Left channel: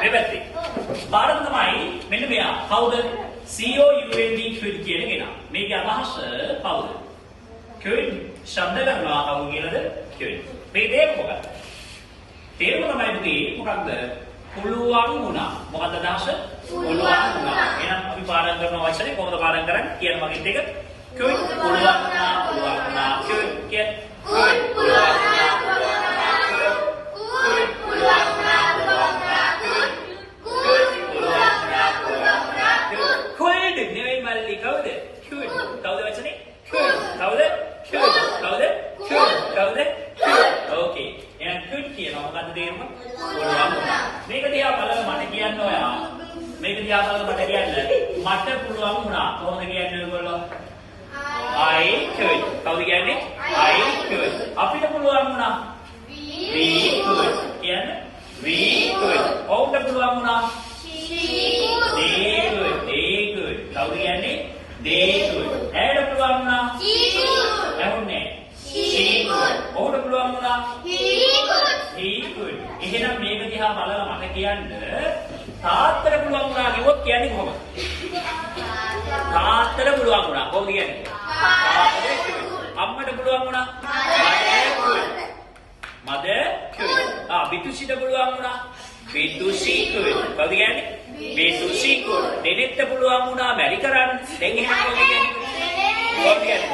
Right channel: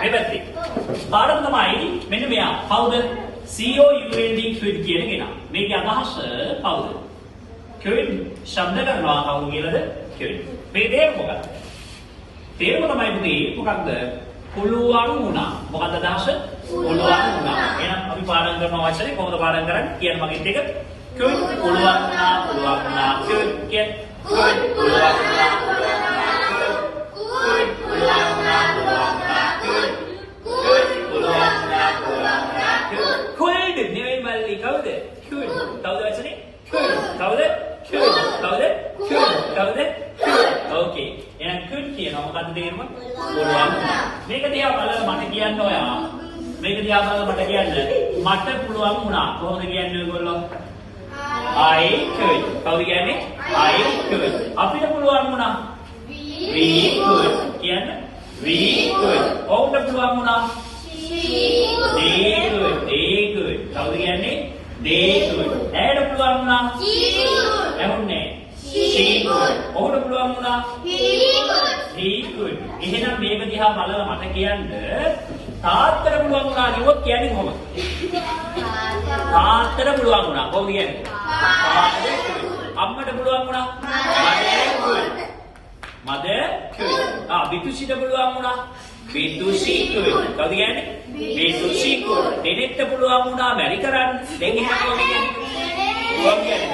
මේ පැත්තේ. පාඩම තමයි මෙන්න මෙයා. කවුද? COULD quid කියන කෙනා. මේකේ අදහස කවුද? quid ශබ්ද කරනවා කවුද කියලාද? quid. මේ තේරුම මොකක්ද? තේරුම තමයි පුතේ මොකක්ද? පුළුවන් වුණා. මොකක්ද අදහස? පුළුවන් වුණා. එහෙනම් අපි පාඩම් කරන වචනේ කොහොමද පාඩම් කරන්නේ? කියන මගෙත් එක quid පුළුවන් වුණා quid කියන quid පුළුවන් වුණා quid පුළුවන් වුණා quid නෙවෙයි මල්ලි කවුද? quid කවුද වචනේ? quid කවුද? quid කවුද? quid කවුද? ඕකේ. එහෙනම් quid කියනවා මොකද්ද තේරුම? පුළුවන් වුණා. මේක දිහා බලලා මට කියන්න ඔයා. මේක දිහා බලලා මට කියන්න. මට පුළුවන් වුණා. කොහොමද කියන්නේ ඔයගොල්ලෝ? I could. කවුද කියන්නේ? I could. අපිට පුළුවන් වුණා. We could. කියන්නේ? We could. ඔවුන්ට පුළුවන් වුණා. They could. They could. කවුද කියන්නේ? They could. ඇයට පුළුවන් වුණා. She could. එහුන්නේ. She could. ඔහුට පුළුවන් වුණා. He could. එහෙනම් මේක දිහා බලලා මට කියන්න තාත්තට පුළුවන් වුණා කිව්වොත් කියන්නේ කොහොමද? තාත්තට පුළුවන් වුණා. කොහොමද කියන්නේ? අම්මට පුළුවන් වුණා. Mother could. බිතුෂිට පුළුවන් වුණා. බිතුෂි could. කවුද කියන්නේ? බිතුෂි could. දෙනෙක්ට පුළුවන් වුණා මැරි කරන්න. දැන් එහෙනම් කොහොමද කියන්නේ? කොහොමද කියන්නේ?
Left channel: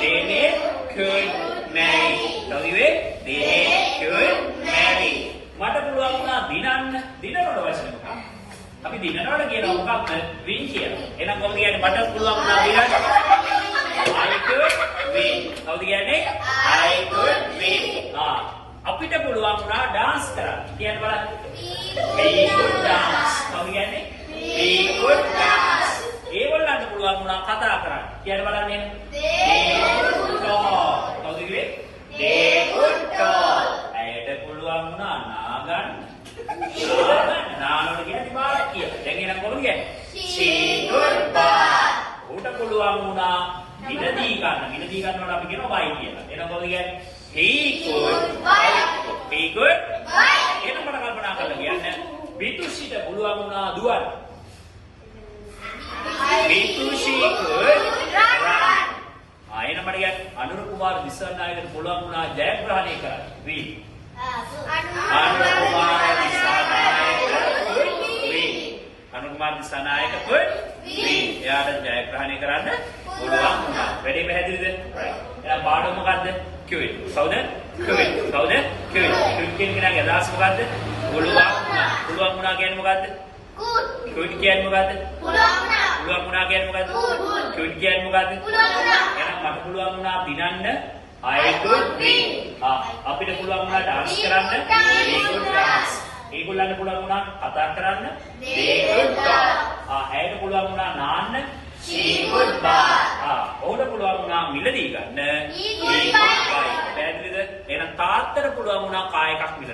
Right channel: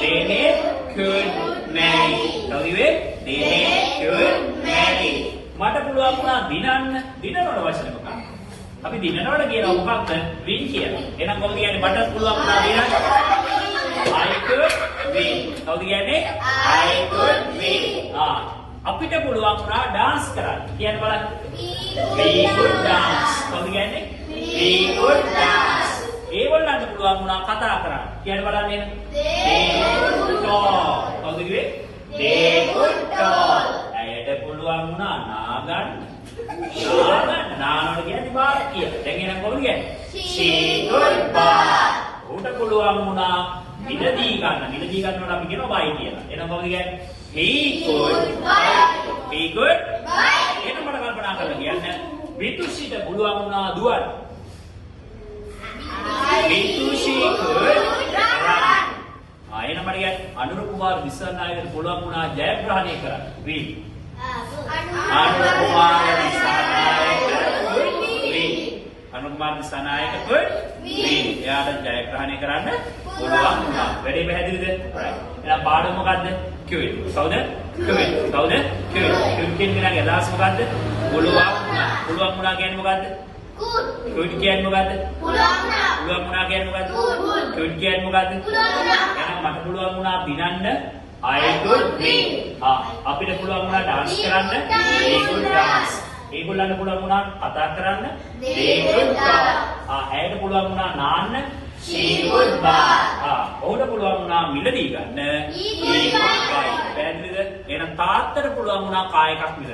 දෙනෙක් could marry. කවුද වෙන්නේ? දෙනෙක් could marry. මට පුළුවන් වුණා දිනන්න. දිනනවට වචනේ මොකක්ද? අපි දිනනවට කියනවා මොකක්ද? win කියලා. එහෙනම් කොහොමද කියන්නේ? මට පුළුවන් වුණා දිනන්න. I could win. කවුද කියන්නේ? I could win. අපිට පුළුවන් වුණා dance කරන්න. කියන්න බලන්න. We could dance. කවුද කියන්නේ? We could dance. ඒගොල්ලන්ට පුළුවන් වුණා කතා කරන්න. කියන්න බලන්න. They could talk. කවුද කිව්වේ? They could talk. ඇයට පුළුවන් වුණා නාගන්න. නානවට කියන්නේ බාරක් කියලා. දැන් එහෙනම් කොහොමද කියන්නේ? She could bark. උට පුළුවන් වුණා මිලදී ගන්න. මිලදී ගන්නවට අපි කියනවා buy කියලා. එහෙනම් කොහොමද කියන්නේ? He could buy. He could buy. එහෙනම් මට කල්පනා කරලා කියන්න. බිතුෂිට පුළුවන් වුණා දුවන්න. බිතුෂි could run. එහෙනම් මට කියන්න අනුර කුමාර දිසානායකට පුළුවන් වුණා ජයග්‍රහණය කරන්න. win. Anura Kumara Dissanayake win. Anura Kumara Dissanayake could win. එයාට ජයග්‍රහණය කරන්න පුළුවන් වුණා. වැඩේ පැහැදිලිද? right. එහෙනම් පාඩම මොකද්ද? quid. කවුද? quid. කවුද? quid. quid කියන කෙනාගේ අදහස මොකද්ද? පුළුවන් වුණා. පුළුවන් වුණා කියන්නේ මොකද්ද? quid කියන්නේ මොකද්ද? පුළුවන් වුණා. පුළුවන් වුණා කියන්නේ මොකද්ද? quid කියන්නේ මොකද්ද? පුළුවන් වුණා. එහෙනම් මට පුළුවන් වුණා දිනන්න. I could win. අපිට පුළුවන් වුණා dance කරන්න. They could dance. ඒගොල්ලන්ට පුළුවන් වුණා කතා කරන්න. They could talk. ඇයට පුළුවන් වුණා නාන්න. She could bark. ඔහුට පුළුවන් වුණා මිලදී ගන්න. He could buy. පැහැදිලිද? එහෙනම් තාත්තට පුළුවන් වුණා කාය එකක් මිල